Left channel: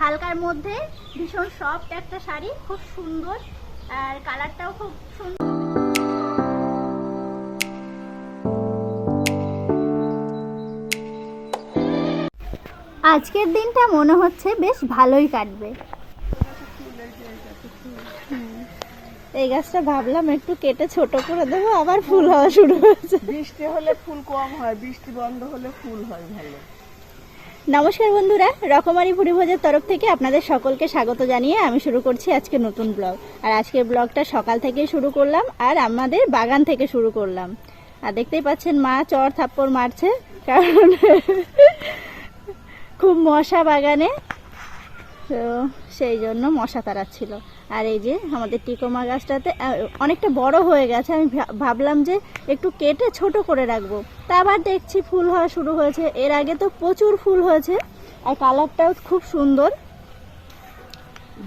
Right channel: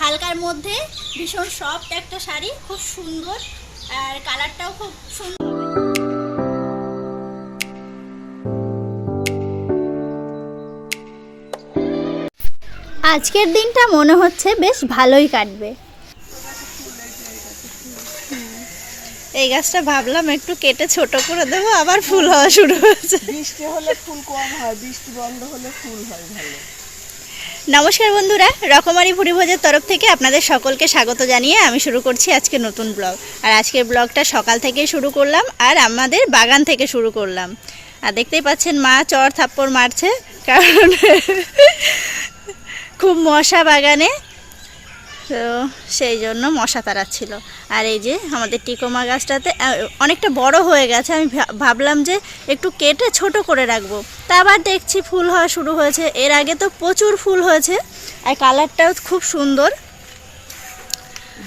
হালকার মধ্যে ভীষণ সফট একটা শাড়ি, খুব সুন্দর, আর কালারটাও খুব সুন্দর। আজকের দিনটা মনে হচ্ছে বেশ ভালোই কাটবে। এই গাছটা ভাবলাম একটু কেটে ছোট করে দেবো, আবার ফুল হওয়া শুরু হয়েছে। বৃষ্টি হলে ফুল কম হয়, বৃষ্টি বন্ধ হলে ফুল হয় ভালো। নমস্কার বন্ধুরা, রকমারি ভুরিভোজের তরফ থেকে আপনাদের সকলকে স্বাগত জানিয়ে আমি শুরু করছি আজকে নতুন ব্লগ। আর আজকের ব্লগটা সকাল থেকে শুরু করলাম আর আমাদের বাগান থেকে শুরু করলাম। আর দেখতেই পাচ্ছেন মা চর থাপ্পড় মারছে, কারণ খুব মশা বাগানে তো সেই জন্য মশা তাড়াচ্ছিল। আর এই যে আমাদের টিকোমা গাছটাতে অনেকটা বড় হয়ে গেছে। আমি ভাবলাম যে একটু কেটে ছোট করে রাখব। তা আবার দেখছি ফুল হওয়া শুরু হয়েছে। এর আগে তো প্রচুর ফুল হয়েছে। আর কালারটাও খুব সুন্দর।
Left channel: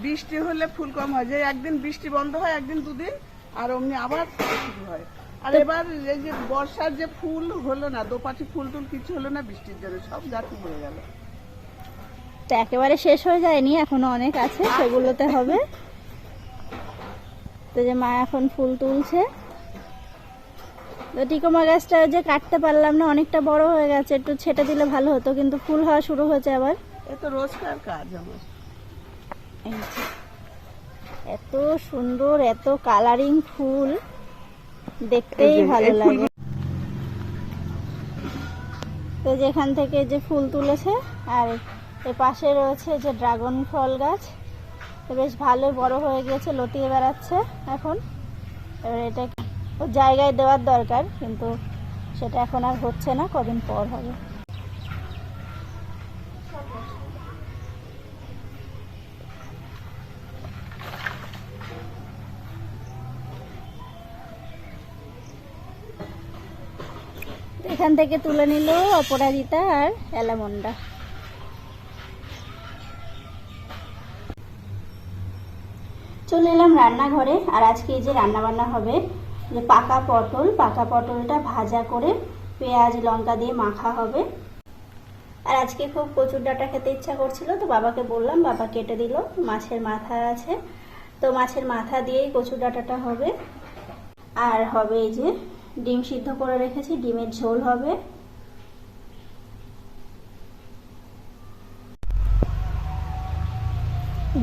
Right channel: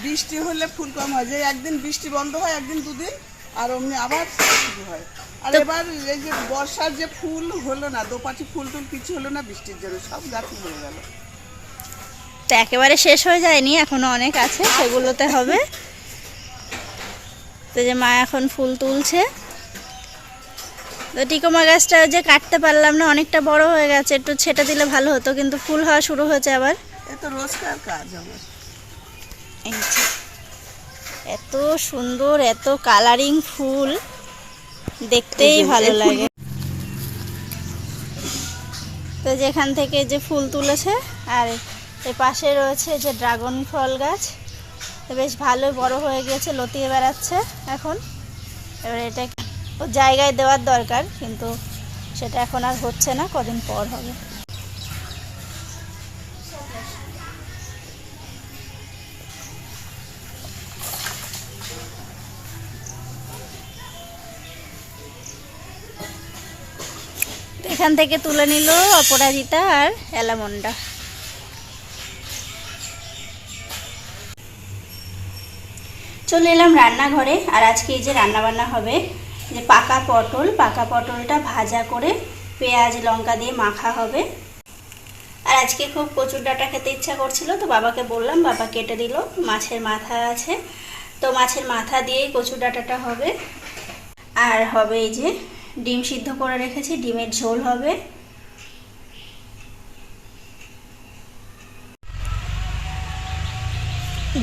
বৃষ্টি হলে ফুল কম হয়। যে একদিন বৃষ্টি বন্ধ হয় একদিন দুদিন আর অমনি আবার শুরু হয়। আর এবার এই যে বর্ষার যে ফুল হলো না দোপাটি ফুল টুল কিছু হলো না বৃষ্টির জন্য সব গাছ মরে গেল। তো একেবারে শেষ হয়ে যায়নি এখনও অনেক আছে সেগুলোতে হবে। তো যে মা এখন ফুল তুলছে। তো টিকোমা গাছটা যে কাটতে পারলাম না অনেকটা বড় হয়ে গেছে একটু ছেটে দিলে ভালো হতো কিন্তু ফুল হওয়া শুরু হয়েছে আবার। এ তো রোজকার কাজ আমার। এত সুন্দর এত কালারিং ফুল দেখতেই ভালো লাগে। তো যেখান থেকে যে ফুল তুলেছে আর এর পাশে রয়েছে যে ড্রাগন ফল গাছ। বেশ ভালোই বড় হয়ে গিয়েছে, লতিয়ে বেড়াচ্ছে এখন। এবার এটা জায়গায় দেওয়ার দরকার, কিন্তু সেটা এখন আর হচ্ছে না, কদিন পর হবে। এখান থেকে তুলে নিল অপরাজিতা আর অ্যালামন্ডা। চলে এলাম রান্নাঘরে, আর আজকে এই যে রান্না বান্না হবে, যে পাকা পটল, পাকা পটলটা ভাজা করে পেঁয়াজ, লঙ্কা দিয়ে মাখা হবে। আর আজকে খুব কচুর ডাঁটা খেতে ইচ্ছা করছিল, তো বাবাকে বললাম, বাবা কেটে দিল, মাছের মাথা আছে, তো মাছের মাথা দিয়েই কচুর ডাঁটাটা হবে। আর হবে এই যে ডিম সিদ্ধ করে রেখেছি, ডিমের ঝোল হবে।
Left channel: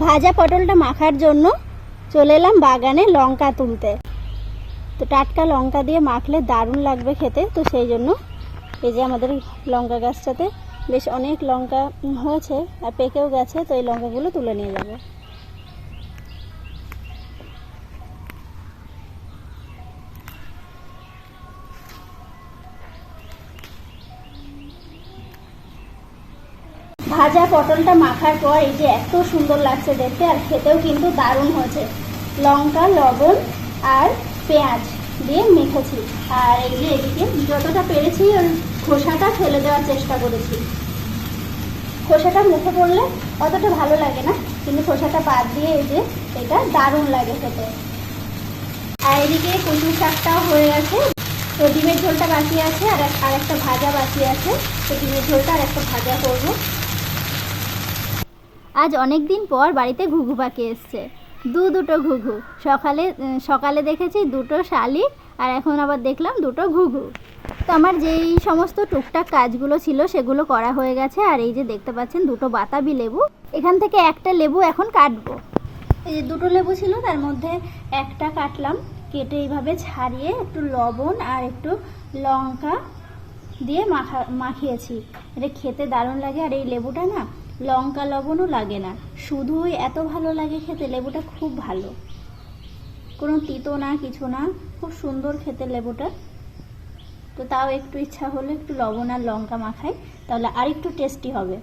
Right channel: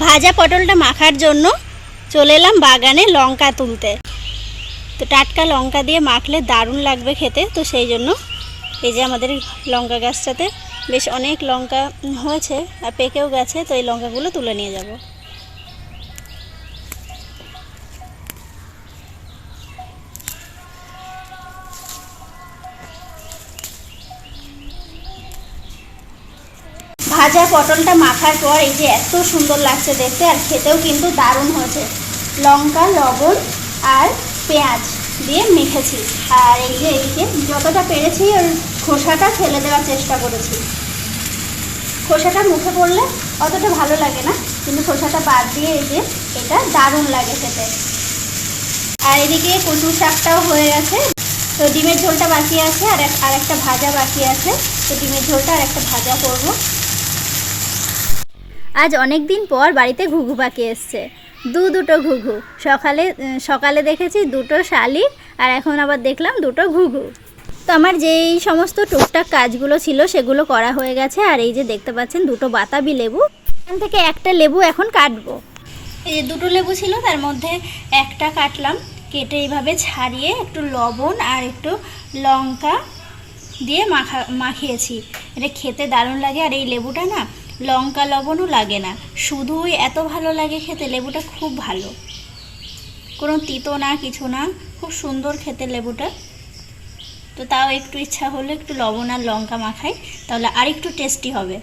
ভাজা পটলটা মাখার জন্য চলে এলাম বাগানে লঙ্কা তুলতে। তো টাটকা লঙ্কা দিয়ে মাখলে দারুণ লাগবে খেতে, তো সেই জন্য এই যে আমাদের লঙ্কা গাছটাতে বেশ অনেক লঙ্কা হয়েছে আর পেকেও গেছে, তো এই লঙ্কাগুলো তুলে নিয়ে যাব। ভাজা পটলটা মাখার পর এই যে এত সুন্দর লাগছে দেখতে, আর খেতেও কিন্তু দারুণ হয়েছে। লঙ্কা, লবণ আর পেঁয়াজ দিয়ে মেখেছি। আর এই যে এদিকে যতটা পেরেছি ওর খোসাটা ফেলে দেওয়ার চেষ্টা করেছি। খোসাটা মুখে পড়লে অতটা ভালো লাগে না, কিন্তু খোসাটা বাদ দিয়ে এই যে এটা দারুণ লাগে খেতে। আর এদিকে কচু শাকটাও হয়ে গেছে। তো ডিমের ঝোলটা বাকি আছে, আর আর একটা ভাজা বাকি আছে। তো ডিমের ঝোলটা আর একটা ভাজা করব। আজ অনেক দিন পর বাড়িতে ঘুঘু পাখি এসছে। দু দুটো ঘুঘু। সকালে সকালে দেখেছি দুটো শালিক আর এখন আবার দেখলাম দুটো ঘুঘু। তো আমার যেই সমস্ত টুকটাক কাজগুলো ছিল সেগুলো করা হয়ে গেছে আর এই যে দেখতে পাচ্ছেন দুটো বাতাবি লেবু। এখান থেকে একটা লেবু এখন কাটবো। এই যে দুটো লেবু ছিল, তার মধ্যে একটা কাটলাম। কেটে এইভাবে ছাড়িয়ে একটু লবণ আর একটু লঙ্কা দিয়ে মাখা, মাখিয়েছি। এটা খেতে দারুণ লাগে আর এই লেবুটা না লঙ্কা লবণও লাগে না। শুধুই এত ভালো লাগে খেতে, লেবুটা খুব ভালো। কোনো তিতো না, কিছু না, খুব সুন্দর খেতে লেবুটা। তো তাও একটু ইচ্ছা হলে একটু লবণ আর লঙ্কা মাখাই, তাহলে আর একটু টেস্টি হবে।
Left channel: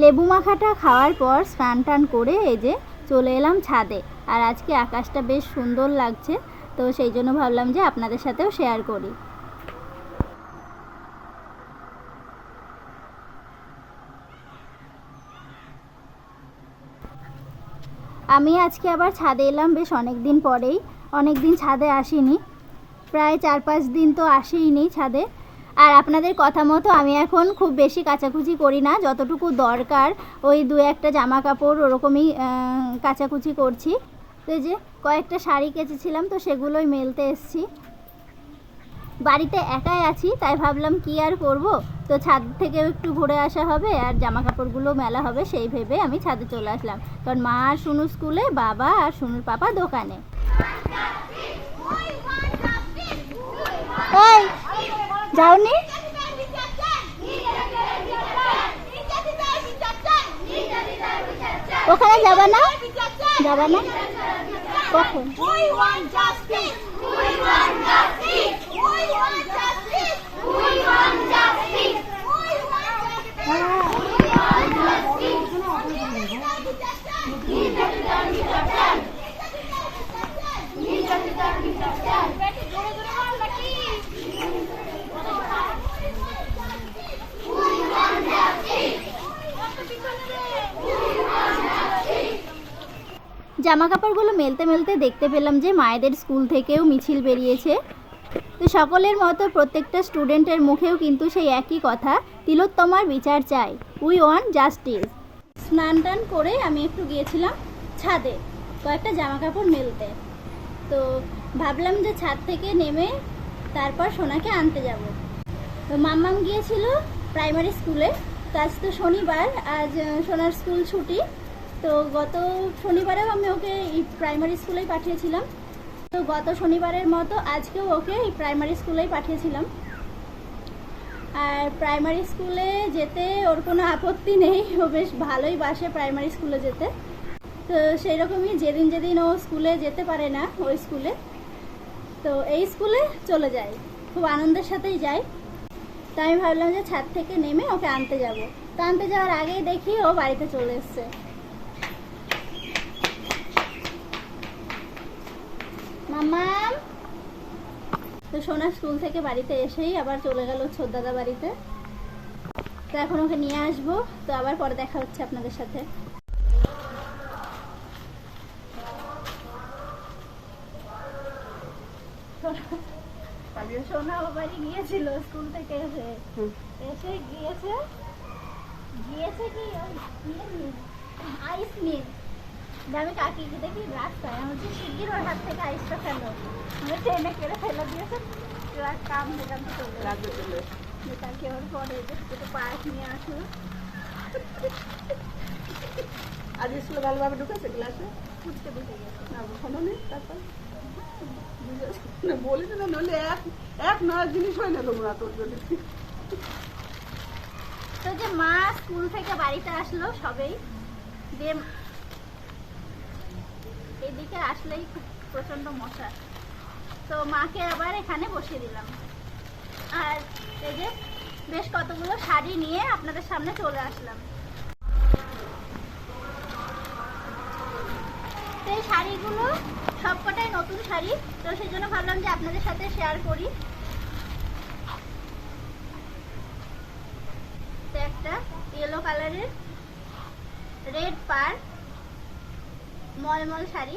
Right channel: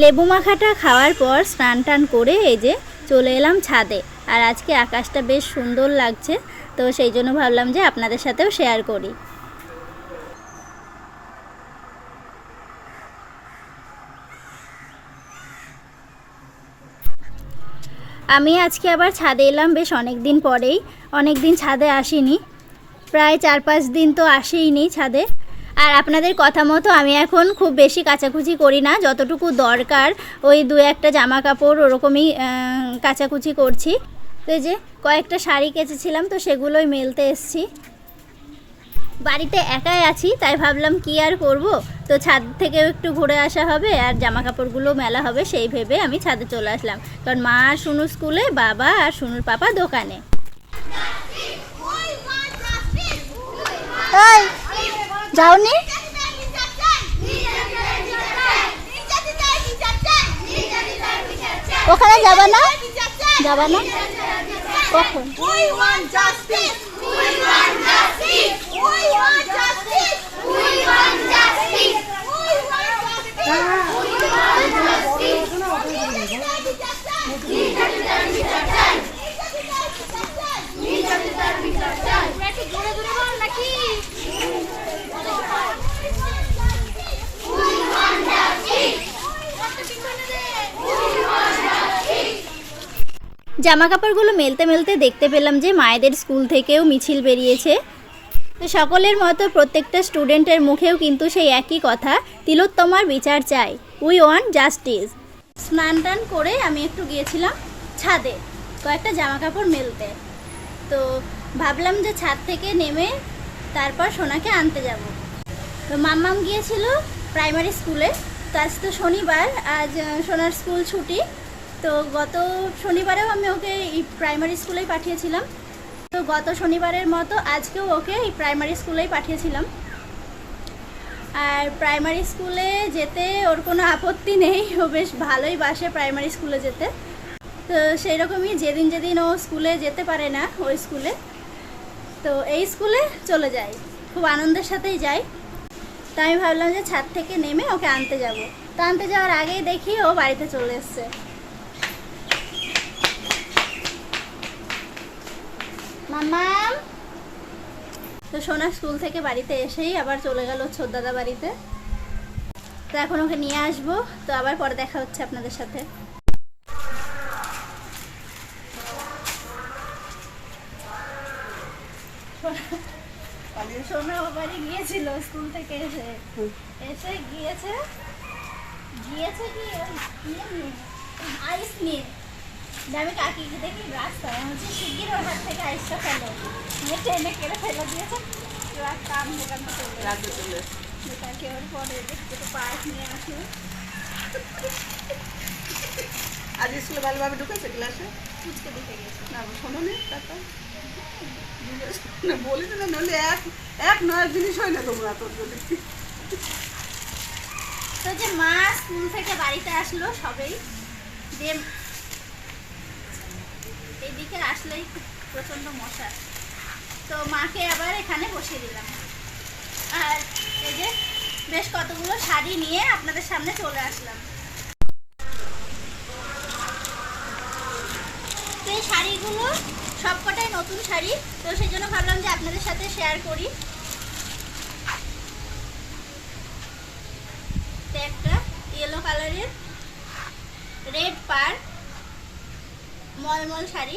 লেবু মাখাটা খাওয়ার পর স্নান টান করে এই যে চলে এলাম ছাদে। আর আজকে আকাশটা বেশ সুন্দর লাগছে, তো সেই জন্য ভাবলাম যে আপনাদের সাথেও শেয়ার করি। আমি আজকে আবার ছাদে এলাম বেশ অনেক দিন পরেই। অনেক দিন ছাদে আসিনি। প্রায় চার পাঁচ দিন তো আসেইনি ছাদে। আর আপনাদের কথা মতো আমি এখন খুব বেশি কাচাকুচি করি না, যতটুকু দরকার ওই দু একটা জামা কাপড় ওরকমই কাচাকুচি করছি। তো যে কয়েকটা শাড়ি কেচেছিলাম, তো সেগুলোই মেলতে এসছি। বাড়িতে একাই আছি তাই ভাবলাম কি আর করব? তো ছাদ থেকেও একটু ঘুরে আসা হবে আর জামা কাপড়গুলো মেলা হবে সেই ভেবে আমি ছাদে চলে আসলাম। কারণ মা আর শুনু স্কুলে বাবা আর শুনুর পাপা দোকানে। যাওনি? ওখানে যাবা না? যাবা না? কখন? জামা কাপড়গুলো মেলতে মেলতে দেখতে পেলাম যে মায়েদের স্কুল থেকেও মিছিল বেরিয়েছে। তো সকলের মতো প্রত্যেকটা স্টুডেন্টের মুখেও কিন্তু সেই একই কথা, তিলোত্তমার বিচার চাই। উই ওয়ান্ট জাস্টিস স্নান টান করে আমি একটু গিয়েছিলাম ছাদে, কয়েকটা জামা কাপড় মেলতে। তো ভাবলাম যে ছাদ থেকে নেমে তারপর সোনাকে আনতে যাব। তো মাম্মাম গিয়েছিল প্রাইমারি স্কুলে, তো আজ তো শনিবার, আজ সোনার স্কুল ছুটি। তো গত শনিবারেও আমি ওকে প্রাইমারি স্কুলেই পাঠিয়েছিলাম। তো গত শনিবারের মতো আজকেও ওকে এই প্রাইমারি স্কুলেই পাঠিয়েছিলাম। আর প্রাইমারি স্কুলে যেতে ওর কোনো আপত্তি নেই, ও বেশ ভালোই বাসে প্রাইমারি স্কুলে যেতে। তো সেই রকমই যেদিন যেদিন ও স্কুলে যেতে পারে না, ওই স্কুলে তো এই স্কুলে চলে যাই, খুব আনন্দের সাথেই যাই। তো আমি ভাবলাম যে ছাদ থেকে নেমে ওকে আনতে যাব। তো আনতে যাওয়ার আগেই দেখি ও বাড়িতে চলে এসছে। তো সোনা স্কুল থেকে বাড়িতে এসেই আবার চলে গেল ছোট দাদা বাড়িতে। তো এখন ওকে নিয়ে আসব। তো আবার পরে দেখা হচ্ছে আপনাদের সাথে। সোনা বাবারই গিয়েছিল স্কুল থেকে এসে। এসে গিয়েছে। গিয়েছে কি? আইস নিয়ে। আমি কাকিকে দেখি রাস্তায় আমি বলছি শিগগির ওর হাত থেকে আইসটা ফেলো। আমি ট্রেনে কেড়ে ফেলে দিয়েছে। এবার কাম দোকান থেকে চলে রাখবে চলে ওর পরে একটু পায়েস নিয়ে আসলো আজ স্কুলে ভালোভাবে ঢুকেছে ক্লাসে? ফুচকে দিতে গেছে। না শোনো নি তারপর? না বলিস না নইলে এক এক নয় জিনিস হয় না তোমরা তোর জন্য। তো যে মা স্কুল থেকে বাড়িতে আসলো সবেই যে এদিকে আসলেই খুব প্রচণ্ড মশা। তো মাকে আবার এখানে বসিয়ে দিলাম। আর এই যে বেশ কতগুলো শাড়ি নিয়ে আপনাদের সামনে চলে আসলাম। তো এই শাড়িগুলো সবকটাই নতুন শাড়ি। তো সেই জন্য ভাবলাম যে আপনাদের সাথে শেয়ার করি। একটা ইয়েলো কালারের রেড পার মলমল শাড়ি।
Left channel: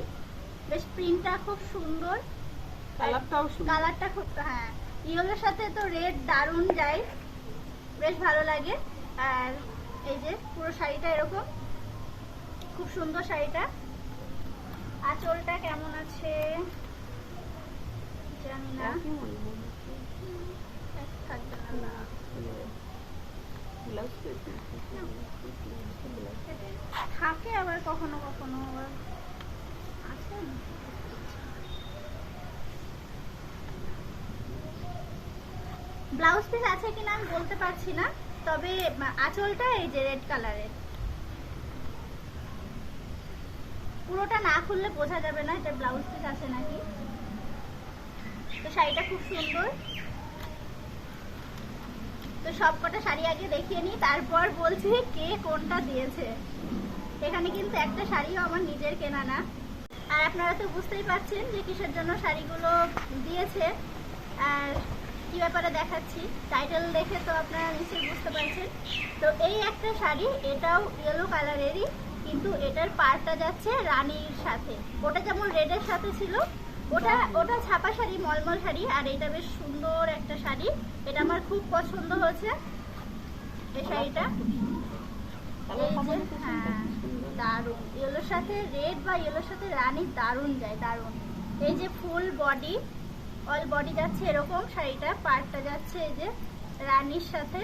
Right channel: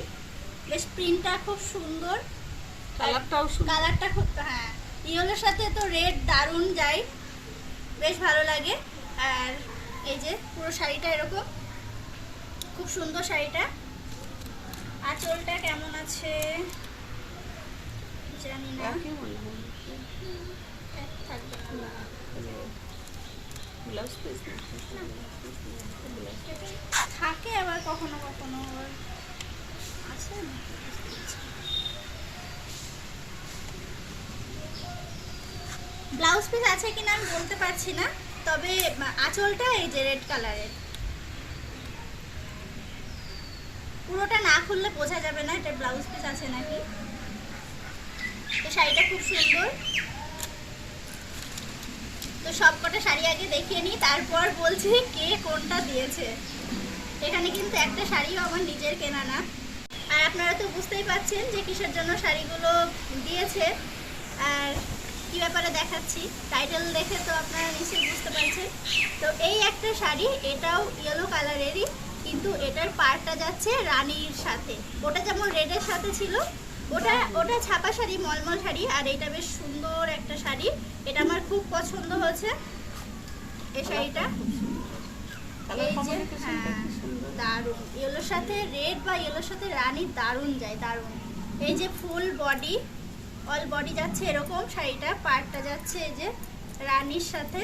বেশ প্রিন্টটা খুব সুন্দর। কালারটাও সুন্দর। কালারটা খুব হ্যাঁ। ইয়েলোর সাথে তো রেড দারুণ যায়। বেশ ভালো লাগে। আর এই যে পুরো শাড়িটা এরকম। খুব সুন্দর শাড়িটা। আঁচলটা কেমন আছে? জানি না। থাকবে না। না, মানে ব্লাউজ পিস। থাকে আবার কখনো কখনো আছে ব্লাউজ পিস আছে কিনা আমি বলতে পারছি না, তবে আঁচলটা এই যে রেড কালারের। পুরোটা না খুললে বোঝা যাবে না, এটা ব্লাউজ পিস আছে নাকি? তো শাড়িটা খুব সুন্দর। তো সবকটা শাড়ি আগে দেখিয়ে নিই, তারপর বলছি কে কোনটা দিয়েছে। এখানে কিন্তু একটা শাড়িও আমার নিজের কেনা না। আর আপনারা তো বুঝতেই পাচ্ছেন যে কিসের জন্য শাড়িগুলো দিয়েছে। আর কি ব্যাপারে দেখাচ্ছি টাইটেল দেখে তো আপনারা নিশ্চয়ই বুঝতে পারছেন। তো এই একটা শাড়ি, এটাও ইয়েলো কালারেরই কিন্তু এটার পাড়টা যাচ্ছে রানীর সাথে। ওটা যেমন রেডের সাথে ছিল ওটা ওটা ছাপা শাড়ি মলমল শাড়ি আর এটা বেশ সুন্দর একটা শাড়ি। এটা আমার খুব পছন্দ হয়েছে এই শাড়িটা। হ্যাঁ, দারুণ। ইয়েলোর সাথে রেড বা ইয়েলোর সাথে রানী দারুণ যায় দারুণ। এই যে ফুল বডি অল বডি যাচ্ছে এরকম শাড়িটা পার্টটা যাচ্ছে এই যে রানীর সাথে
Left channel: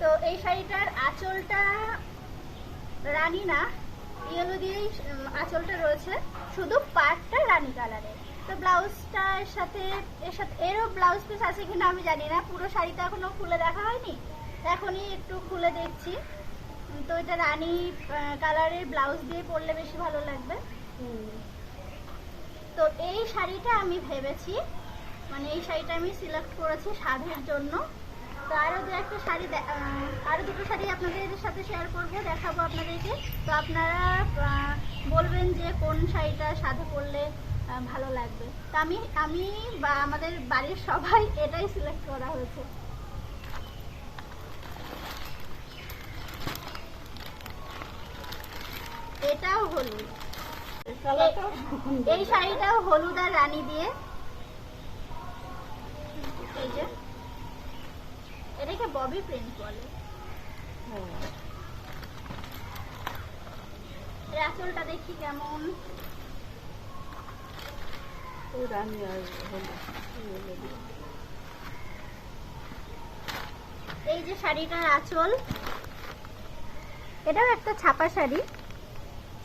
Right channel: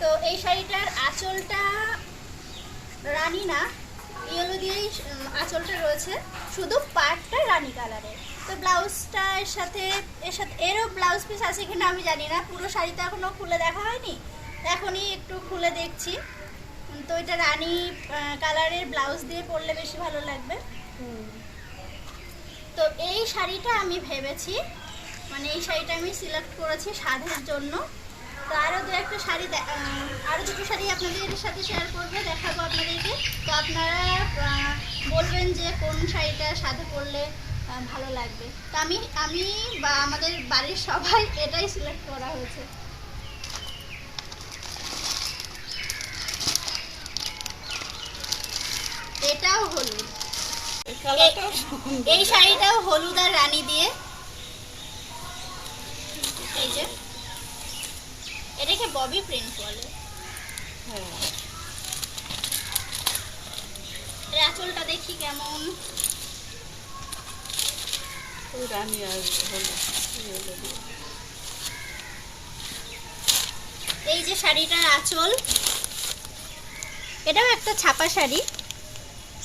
তো এই শাড়িটার আঁচলটা রানী না, ইয়েলো দিয়েই আঁচলটা রয়েছে। শুধু পার্টটা রানী কালারের তো ব্লাউজটার সাথে, এর সাথে, এরও ব্লাউজ পিস আছে কিনা আমি জানি না। পুরো শাড়িটা এখনও খুলে দেখা হয়নি। এখনই একটু খুলে দেখছি। তো এটা রানী কালারের ব্লাউজ দিয়ে পরলে বেশি ভালো লাগবে। তো এই শাড়িটা আমি ভেবেছি মানে এই শাড়িটা আমি সিলেক্ট করেছি সাধের জন্য। তো আরও দু একটা শাড়ি আরও দুটো শাড়ি আপনাদের সাথে শেয়ার করব দেখাবো আপনাদেরকে। তো আপনারা বলবেন যে কোন শাড়িটা সাধে পরলে ভালো লাগবে। তো আমি আমি বা আমাদের বাড়ির সবাই এটাই সিলেক্ট করা হয়েছে। এটাও হলুদ। এই শাড়িটাও হলুদ আর রানী দিয়ে। এই যে। ববি প্রিন্ট বলে। এর আঁচলটা দেখি কেমন। রানী আর হলো এই যে শাড়িটার আঁচল এটাও একটা ছাপা শাড়ি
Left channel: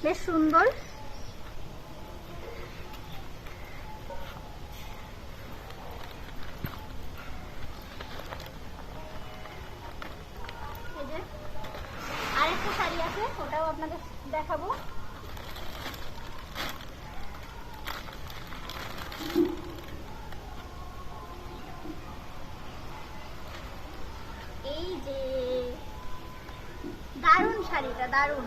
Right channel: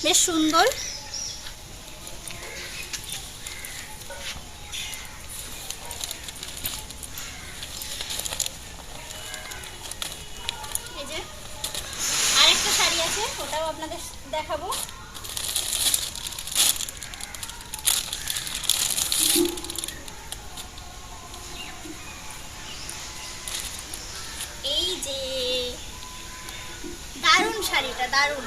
বেশ সুন্দর এই যে আর একটা শাড়ি আছে ওটাও আপনাদের দেখাবো। এই যে দারুণ শাড়িটা দারুণ।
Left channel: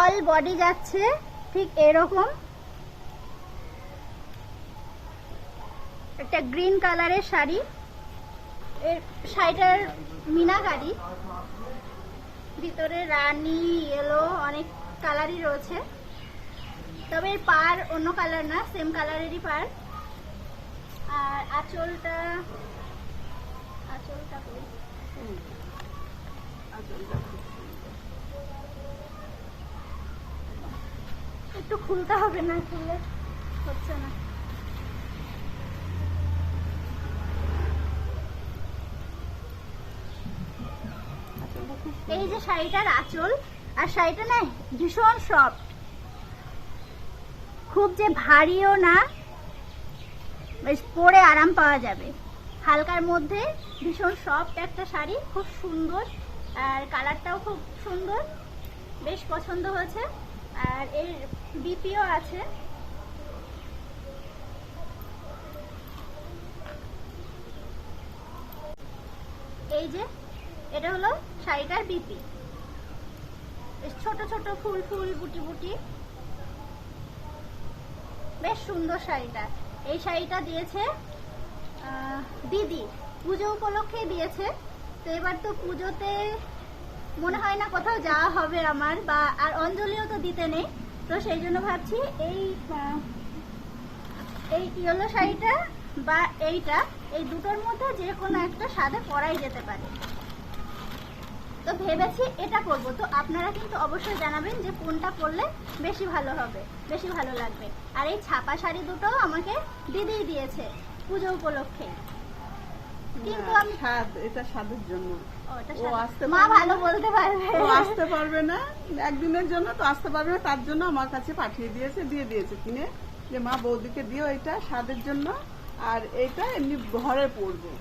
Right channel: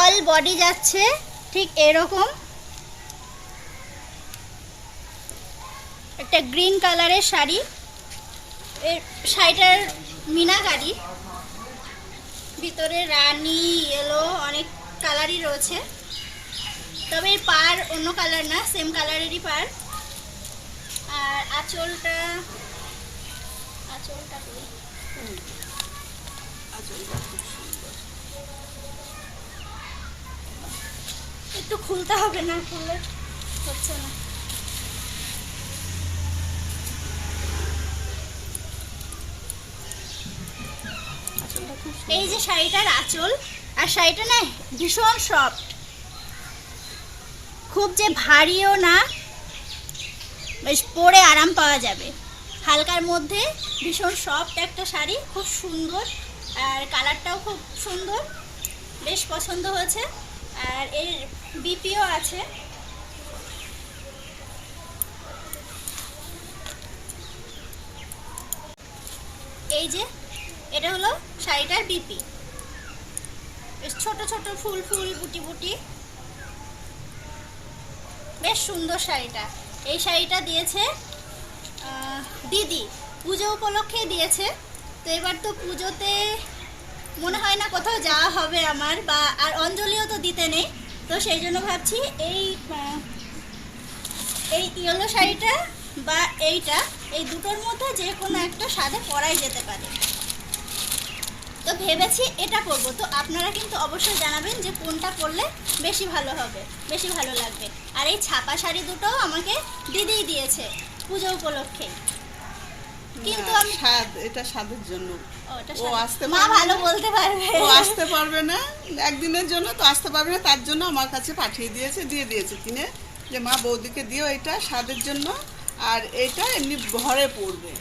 অল বডি যাচ্ছে ঠিক এরকম। একটা গ্রিন কালারের শাড়ি। এর শাড়িটার মিনাকারি। ভিতরে রানি ইয়েলো অনেক কালারই রয়েছে। তবে এর পার অন্য কালার না সেম কালারেরই পার। আর আঁচলটা আঁচলটা খুব সুন্দর। একটু খুলতে হবে না খুললে হচ্ছে না। এই যে শাড়িটার আঁচল, আর শাড়িটা না ভীষণ সফট খুব যে ভারীও না, বেশ পরে আরাম পাওয়া যাবে। হালকার মধ্যে ভীষণ সফট একটা শাড়ি, খুব সুন্দর। আর কালারটাও খুব সুন্দর, বেশ পছন্দ হয়েছে। আর এর বিপিও আছে। এই যে এটা হলো শাড়িটার বিপি। ছোট ছোট ফুল ফুল বুটি বুটি। বেশ সুন্দর শাড়িটা। এই শাড়িটা দিয়েছে দিদি। পুজো উপলক্ষে দিয়েছে। তো এবার তো পুজোতে মনে হয় না কোথাও যাওয়া হবে আমার বা আর অঞ্জলিও তো দিতে নেই। তো সেই জন্য ভাবছি এই এই ইয়েলো শাড়িটা বা এইটা, এই দুটোর মধ্যে যে কোনো একটা সাদে পরাই যেতে পারে। তো ভেবেছি এটা করব। তো আপনারা কিন্তু অবশ্যই জানাবেন যে কোনটা করলে বেশি ভালো হবে বেশি ভালো লাগবে। আর এই ছাপা শাড়ি দুটো আমাকে দিদিই দিয়েছে পুজো উপলক্ষে। কিন্তু আমি স্বাদ এটা স্বাদের জন্য। ও, আসতে মা ভালো বলতে পারবে। ও আসতে পারবে না। একদিনের জন্য তো আসতে পারবে না তার জন্য আমার কাছে পাঠিয়ে দিয়েছে দিয়ে দিয়েছে কিনে। যে মা বৌদিকে দিও এটা স্বাদের জন্য। আর এটা এমনি ঘরে পড়বে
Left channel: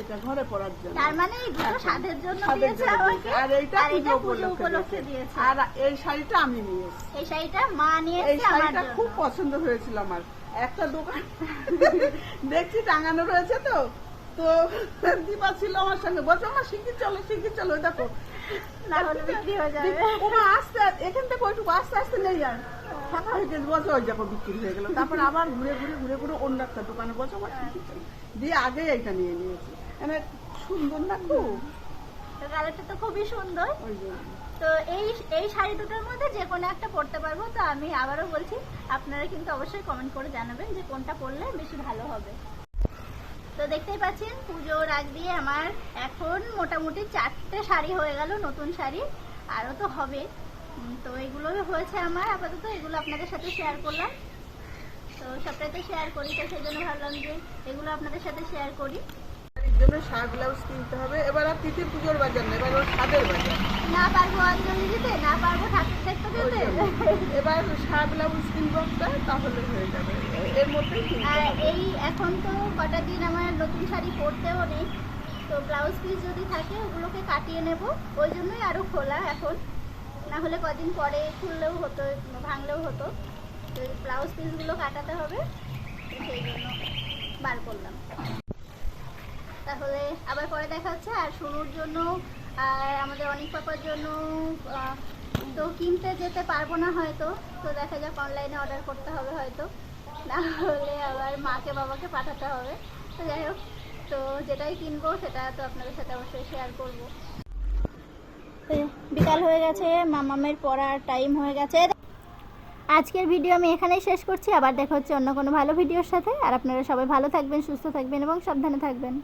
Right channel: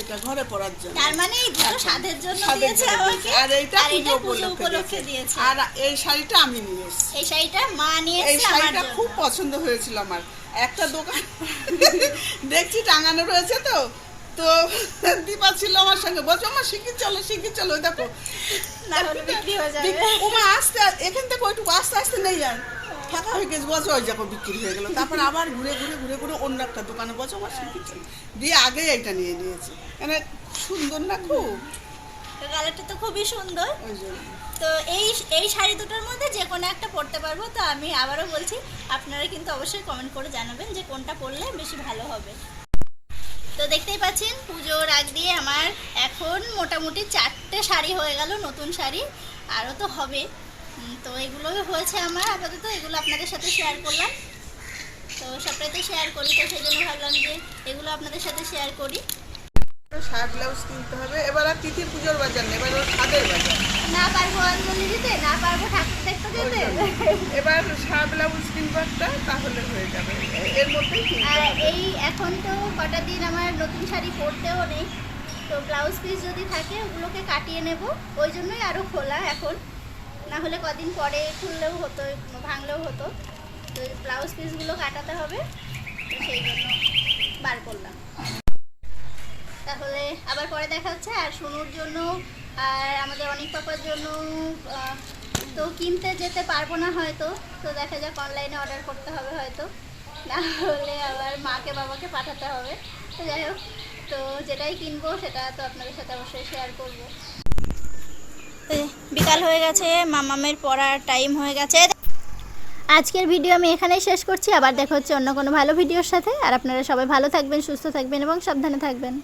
এটা ঘরে পড়ার জন্য। তার মানে এই এখন জন্য। দিয়েছে আমাকে আর এইটা পুজো উপলক্ষে দিয়েছে। আর এই শাড়িটা আমি নিয়ে এই শাড়িটা মা এই নিয়েছে আমার শাড়িটা খুব পছন্দ হয়েছিল আমার। একটা দোকান দেখছি টাঙানো রয়েছে তো। তো দীপা ছিল আমার সঙ্গে। বলছো আমার শিখি চলো শিখি চলো। দেখো। না বিক্রি হয়ে যাবে। ওমা আস্তে এখান থেকে ওইটুকু আস্তে আস্তে নেই আর। ফাঁকা হয়ে গেছে বলছো ওই দেখো বিক্রি হয়ে গেল। তারপর আবার ঘুরে ঘুরে ঘুরে ঘুরে অন্য একটা দোকানে শিখি চলো দিয়ে আগে এইটা নিয়ে নিয়েছি। মানে সুন্দর না খুব? কালারটা তো খুবই সুন্দর। ওই জন্য। তো এই এই শাড়ি দুটোর মধ্যে যে কোনো একটা পরতে পারব। তো আমি আবারও বলছি আপনারা কিন্তু অবশ্যই কমেন্ট করে জানাবেন যে কোনটা পরলে বেশি ভালো হবে। তো দেখতেই পাচ্ছেন পুজোর আগ দিয়ে আমার এখন মোটামুটি চারটে শাড়ি হয়ে গেল নতুন শাড়ি। আরও তো হবে। তো এগুলোই হয়েছে আমার আপাতত এগুলো আপনাদের সাথে শেয়ার করলাম। তো সবটাই তো শেয়ার করি তো সেই জন্য ভাবলাম যে এগুলো আপনাদের সাথে শেয়ার করি। জন্য ব্লাউজ কিনতে হবে। এবার আর তিথি পুজোর বাজার এবার ওর ছাদের বাজার। না পারব অঞ্জলি দিতে না পারব ঠাকুর দেখতে ওই যেতে। এবার ব্লাউজ কিনবো একটা তাহলে হয়ে যাবে। এর মধ্যেই কিনতে এই এখন তো কটা দিন আমার নতুন শাড়ি পরতেও নেই। তো ব্লাউজ পিস যদি থাকে ওগুলোকে কাটিয়ে নেব। ওই জন্যই আরও খোলা এখন। না হলে কদিন পরে খুললেও হতো, ভাঙলেও হতো। তো ব্লাউজ পিসগুলো কাটাতে হবে, তো সেই জন্য বার করলাম। তাহলে আবার পরে দেখা হচ্ছে, আর সোনুর জন্য আর আমাদের অনেক পাপার জন্য তো কিনতে যেতে পারব না হয়তো, তো দেখা যাক অনলাইনে অর্ডার করতে হবে হয়তো। না হলে আবার মাকে, বাবাকে পাঠাতে হবে। তো যাই হোক, তো যেটাই কিনবো সেটা তো আপনাদের সাথে অবশ্যই শেয়ার করব। বিকাল হয়ে গেছে, মামামের পড়ার টাইম হয়ে গেছে। আজকের ভিডিও আমি এখানেই শেষ করছি, আবার দেখা হচ্ছে অন্য কোনো ভালো ভিডিওর সাথে। আর আপনারা সবাই ভালো থাকবেন, সুস্থ থাকবেন এবং সাবধানে থাকবেন।